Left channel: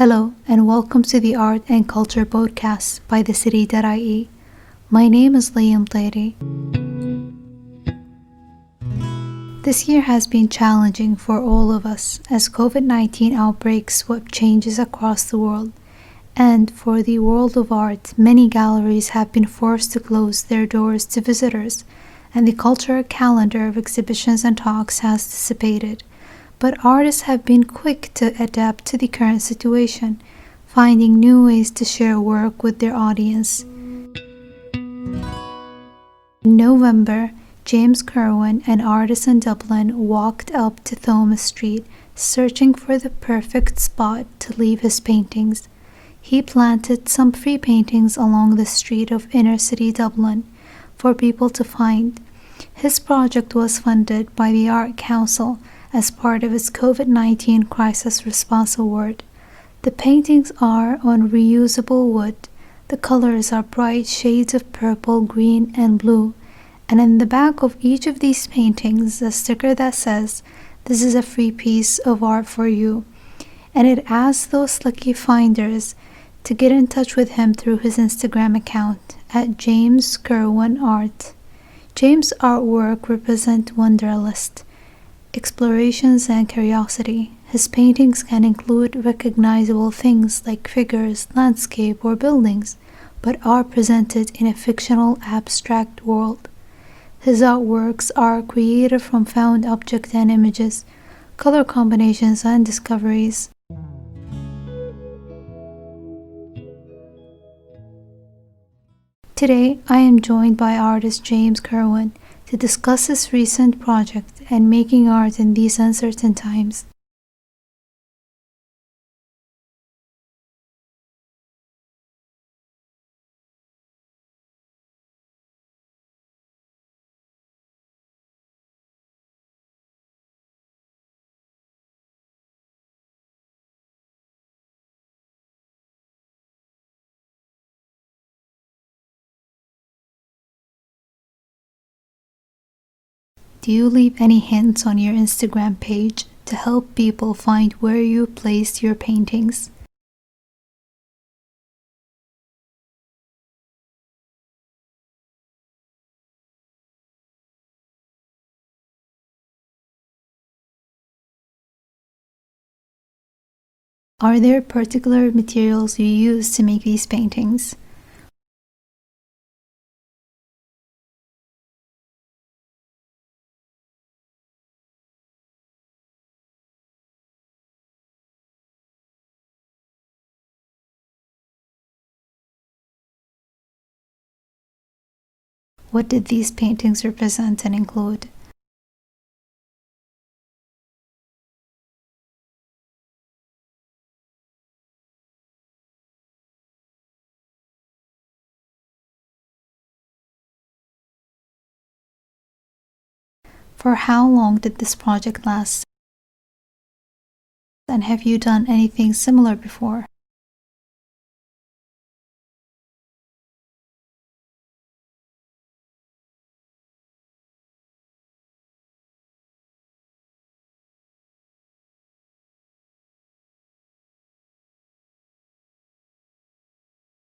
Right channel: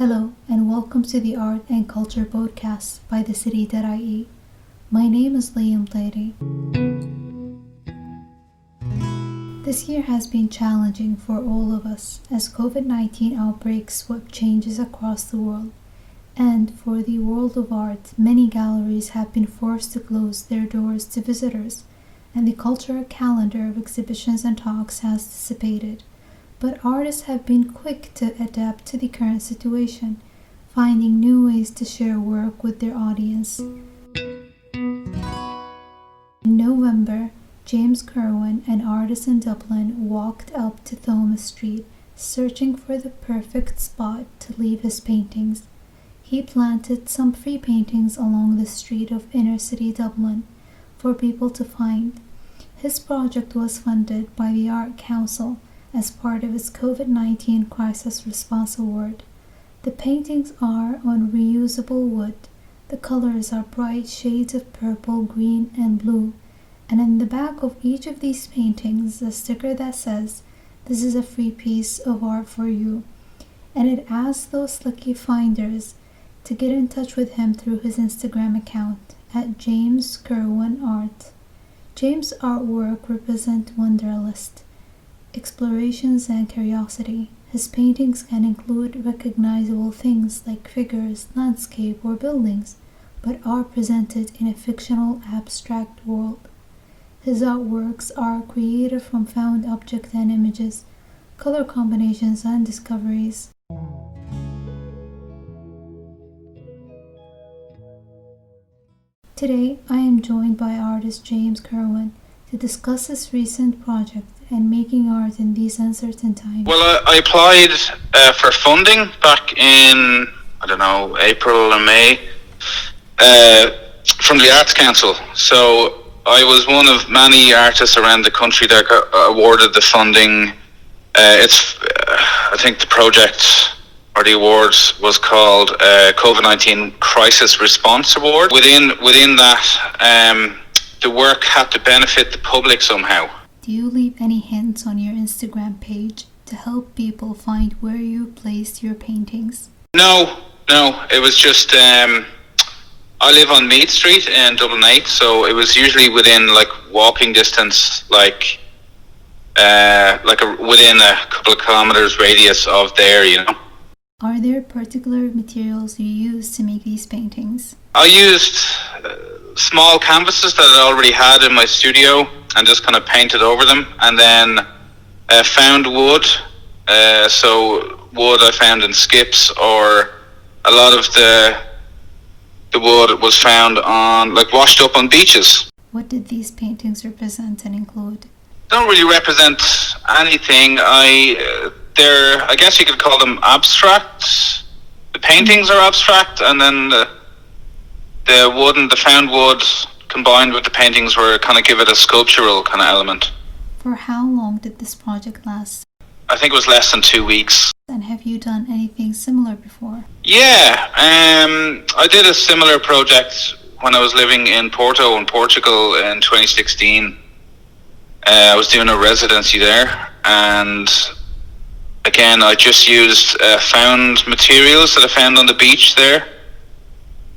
Hello, and welcome to the Art and Culture podcast by the City.ie. My name is Liam Tlairi. This year has been challenging for all of us as COVID-19 outbreaks swept changes across the world. And for the world of art, many galleries have been forced to close their doors to visitors, and the cultural calendar of exhibitions and talks has dissipated. But artists have been quick to adapt to the current situation, finding new ways to share work with their audience. In November, James Kirwan, an artist in Dublin, walked up to Thomas Street, searching for the perfect spot to leave his paintings. He planted some free paintings along the street of Inner-City Dublin for people to find. His project was funded by the Art Council as part of its Covid-19 Crisis Response Award. The paintings are on reusable wood. The colors are bright shades of purple, green, and blue. And in the back of each of these paintings, a sticker that says, "This is a free piece of art for you." And it asks those lucky finders to get in touch with him through his Instagram account at James Kirwan Art. James' artwork represent wanderlust, explorations and curiosity. His paintings can include recognizable things like figures, landscape, or buildings, but are presented in a fictional abstract world. His artworks are created from found objects and images, color combinations, and discoveries. Today, I am joined by artist James Kirwan to discuss his recent project and making art in these uncertain times. Well, I applied for funding back in, April and May from the Arts Council. So I was one of many artists around the country that got awarded the funding. I think the project or the awards was called Covid19 Crisis Response Award. Within that, the work had to benefit the public somehow. Do you leave any hints on your Instagram page to help people find where you placed your paintings? No. It was just I live on Meath Street in Dublin 8, so it was usually within walking distance, within a couple of kilometers radius of there. Are there particular materials you use to make these paintings? I used small canvases that I already had in my studio and just kind of painted over them, and then found wood. So wood I found in skips, or a lot of the wood was found on washed up on beaches. What did these paintings represent and include? Don't really represent anything. I guess you could call them abstract. The paintings are abstract, and then the wood and the found wood combined with the paintings were kind of give it a sculptural kind of element. For how long did this project last? I think it was less than 2 weeks. And have you done anything similar before? Yeah, I did a similar project when I was living in Porto in Portugal in 2016. I was doing a residency there, and again, I just used found materials that I found on the beach there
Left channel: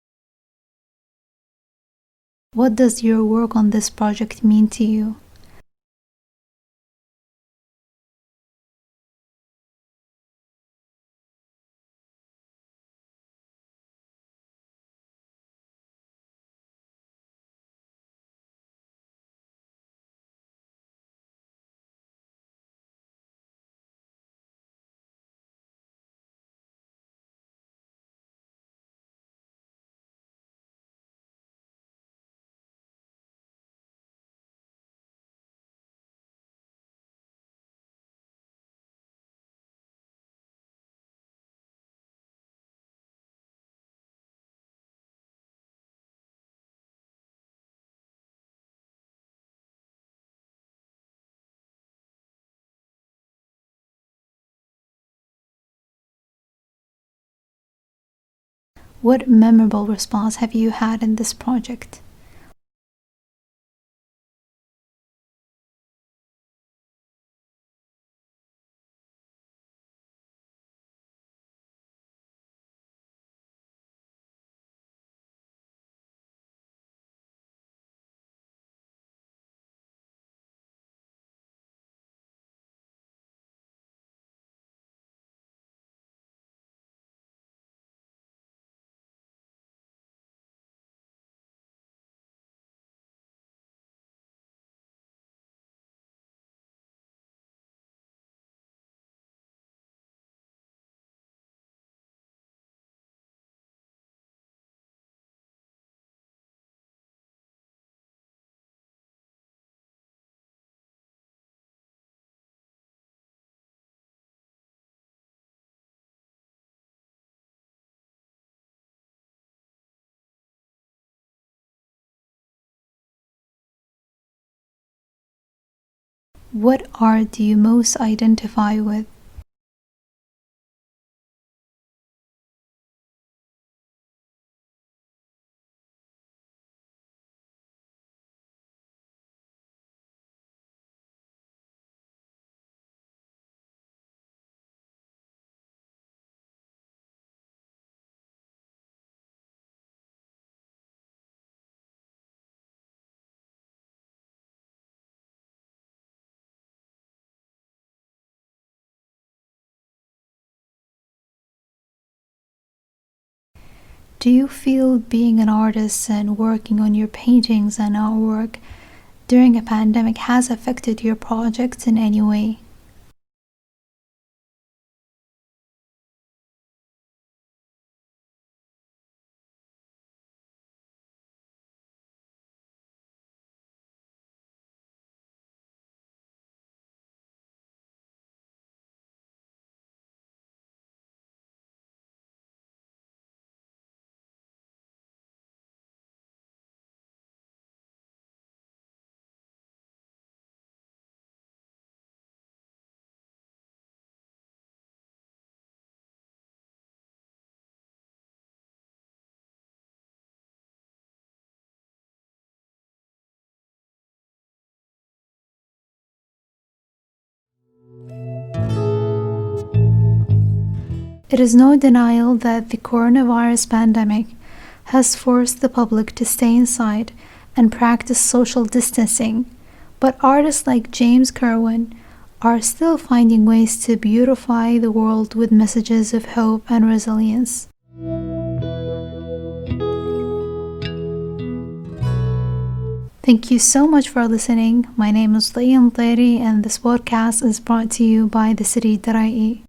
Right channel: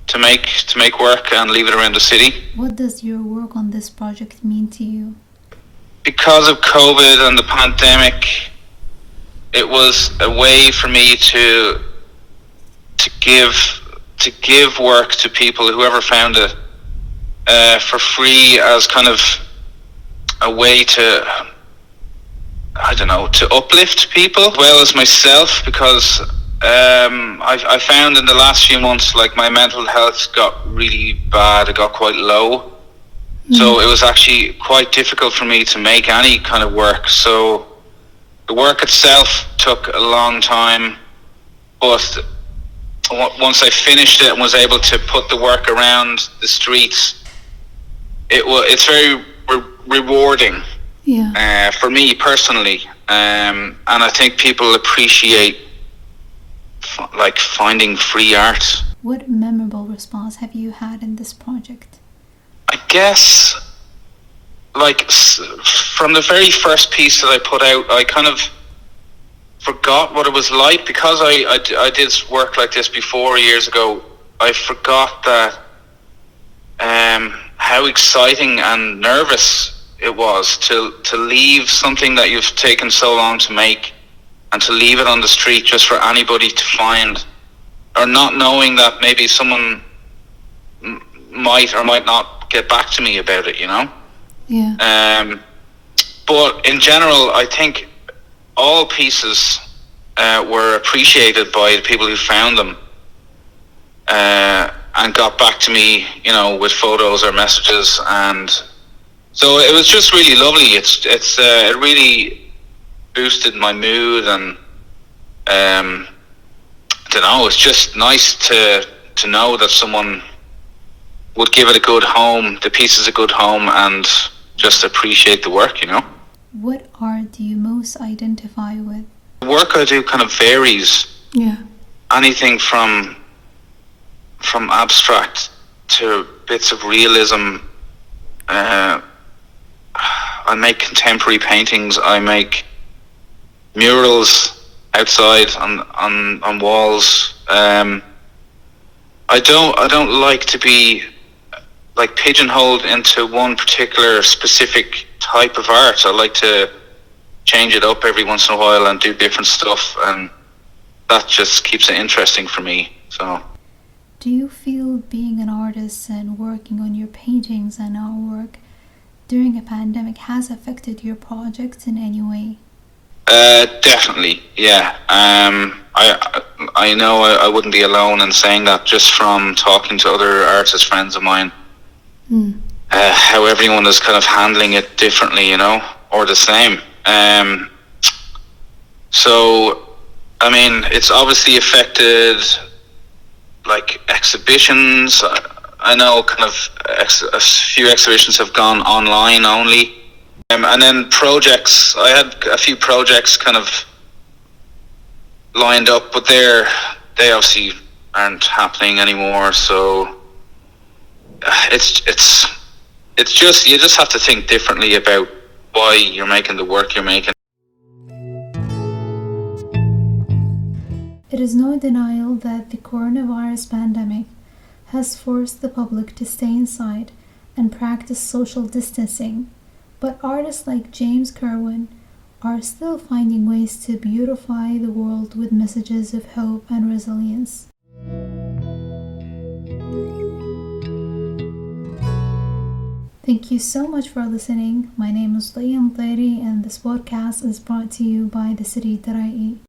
to make work and leave it around the city. What does your work on this project mean to you? Because of COVID and the pandemic, it was a way for me to give work to people, whoever found it, for free, as kind of a way to uplift people as well as myself, because I found in the last few months my mental health got really bad. It got quite low. So it was actually quite difficult for me to make any kind of work. So the work itself took a long time, but once I finished it and was able to put the work around the streets, it's very rewarding. Yeah. For me personally, and I think people appreciate finding free art. What memorable response have you had in this project? I guess from the very first piece that I put out, I kind of forgot what it was like because I did work like this before years ago. I forgot that how exciting and nervous it was to leave something that you've taken so long to make and to leave it on the street just for anybody to find, or not knowing that maybe someone might or might not get back to me about it, you know? Yeah. But in general, I think all pieces were appreciated by the people who found them and got back to me, you know, with photos or messages, and so it was just really lovely. It really boosted my mood, and I don't know. It's just nice to know that someone would give it a good home, the pieces a good home, and just appreciate the work, you know. What art do you most identify with? The work I do kind of varies. Yeah. Anything from abstract to bits of realism. I make contemporary paintings. I make murals outside on walls. I don't like to be like pigeonholed into one particular specific type of art. I like to change it up every once in a while and do different stuff, and that just keeps it interesting for me. So, do you feel being an artist and working on your paintings and artwork during a pandemic has affected your projects in any way? Definitely, yeah. I know I wouldn't be alone in saying that, just from talking to other artist friends of mine. How everyone is kind of handling it differently, you know, or the same. So, I mean, it's obviously affected, like, exhibitions. I know kind of a few exhibitions have gone online only. And then projects. I had a few projects kind of lined up, but they obviously aren't happening anymore. So it's just, you just have to think differently about why you're making the work you're making. It is no denial that the coronavirus pandemic has forced the public to stay inside and practice social distancing, but artists like James Kirwan are still finding ways to beautify the world with messages of hope and resilience. Thank you so much for listening. My name is Leah Mteri, and this podcast is brought to you by the city that I eat.